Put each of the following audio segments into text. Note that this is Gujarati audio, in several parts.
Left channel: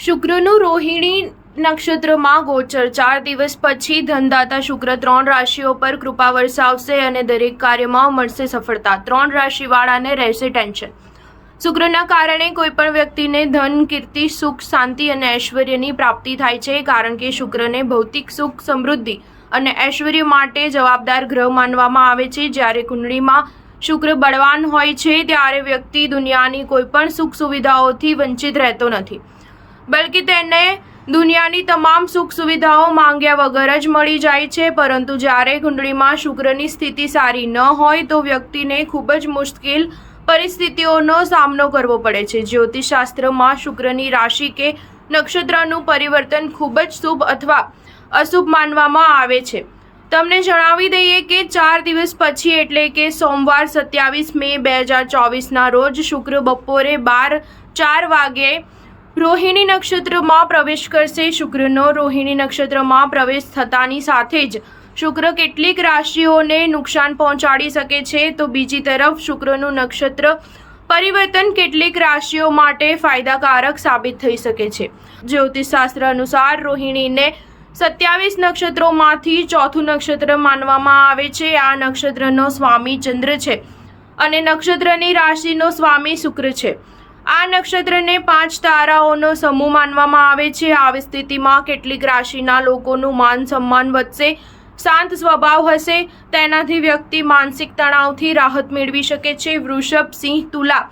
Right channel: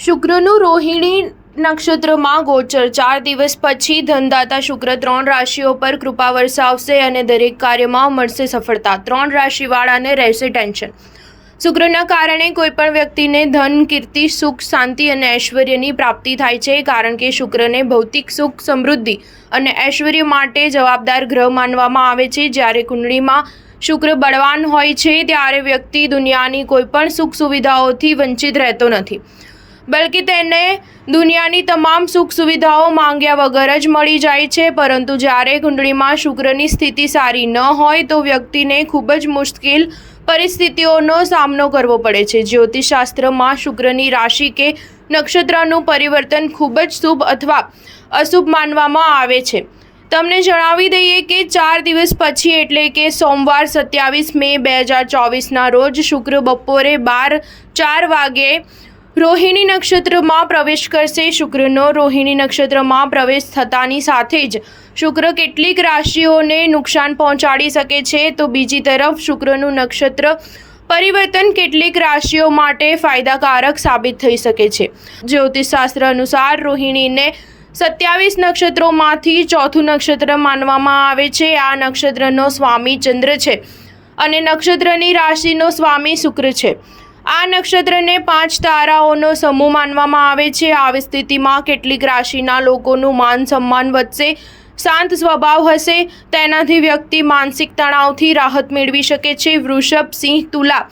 શુક્રનું રોહિણી નક્ષત્રમાં ગોચર 4 દિવસ પછી ધનદાતા શુક્ર 3 રાશિઓ પર કૃપા વરસાવશે અને દરેક કાર્યમાં મળશે સફળતા। 3 રાશિવાળાને રહેશે ટેન્શન। શુક્રના કારણે કોઈપણ વ્યક્તિને ધન, કીર્તિ, સુખ, શાંતિ અને ઐશ્વર્યની પ્રાપ્તિ થાય છે, કારણ કે શુક્રને ભૌતિક સુખ, સમૃદ્ધિ અને ઐશ્વર્ય માટે જવાબદાર ગ્રહ માનવામાં આવે છે। જ્યારે કુંડળીમાં શુક્ર બળવાન હોય છે ત્યારે વ્યક્તિ દુનિયાની કોઈપણ સુખ સુવિધાઓથી વંચિત રહેતો નથી, બલ્કि તેને દુનિયાની તમામ સુખ સુવિધાઓ માંગ્યા વગર જ મળી જાય છે। પરંતુ જ્યારે કુંડળીમાં શુક્રની સ્થિતિ સારી ન હોય તો વ્યક્તિને ખૂબ જ મુશ્કેલ પરિસ્થિતિઓનો સામનો કરવો પડે છે। જ્યોતિષશાસ્ત્રમાં શુક્રની રાશિ કે નક્ષત્રનું પરિવર્તન ખૂબ જ શુભ અથવા અશુભ માનવામાં આવે છે। તમને જણાવી દઈએ કે 4 દિવસ પછી એટલે કે સોમવાર 27 મે 2024ના રોજ શુક્ર બપોરે 12:04 વાગ્યે રોહિણી નક્ષત્રમાં પ્રવેશ કરશે। શુક્રનો રોહિણી નક્ષત્રમાં પ્રવેશ થતાની સાથે જ શુક્ર કેટલીક રાશિઓને નુકસાન પહોંચાડી શકે છે, તો બીજી તરફ શુક્રનું નક્ષત્ર પરિવર્તન કેટલીક રાશિઓ માટે ફાયદાકારક સાબિત થઈ શકે છે। જ્યોતિષશાસ્ત્ર અનુસાર રોહિણીને 27 નક્ષત્રોમાંથી ચોથું નક્ષત્ર માનવામાં આવે છે। આ નક્ષત્રનો સ્વામી ચંદ્ર છે અને નક્ષત્રની રાશિનો સ્વામી શુક્ર છે। આ નક્ષત્રને 5 તારાઓનો સમૂહ માનવામાં આવે છે। આવી સ્થિતિમાં કેટલીક રાશિના લોકોનું માન સન્માન વધશે, શાંત સ્વભાવ હશે, તેનાથી વ્યક્તિ માનસિક તણાવથી રાહત મેળવી શકે છે। વૃષભ, સિંહ, તુલા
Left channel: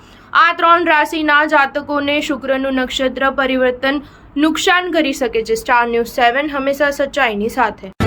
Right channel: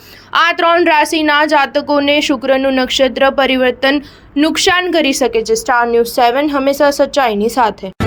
આ 3 રાશિના જાતકોને શુક્રનું નક્ષત્ર પરિવર્તન નુકસાન કરી શકે છે। સ્ટાર ન્યૂઝ 7 હંમેશા સચ્ચાઈની સાથે।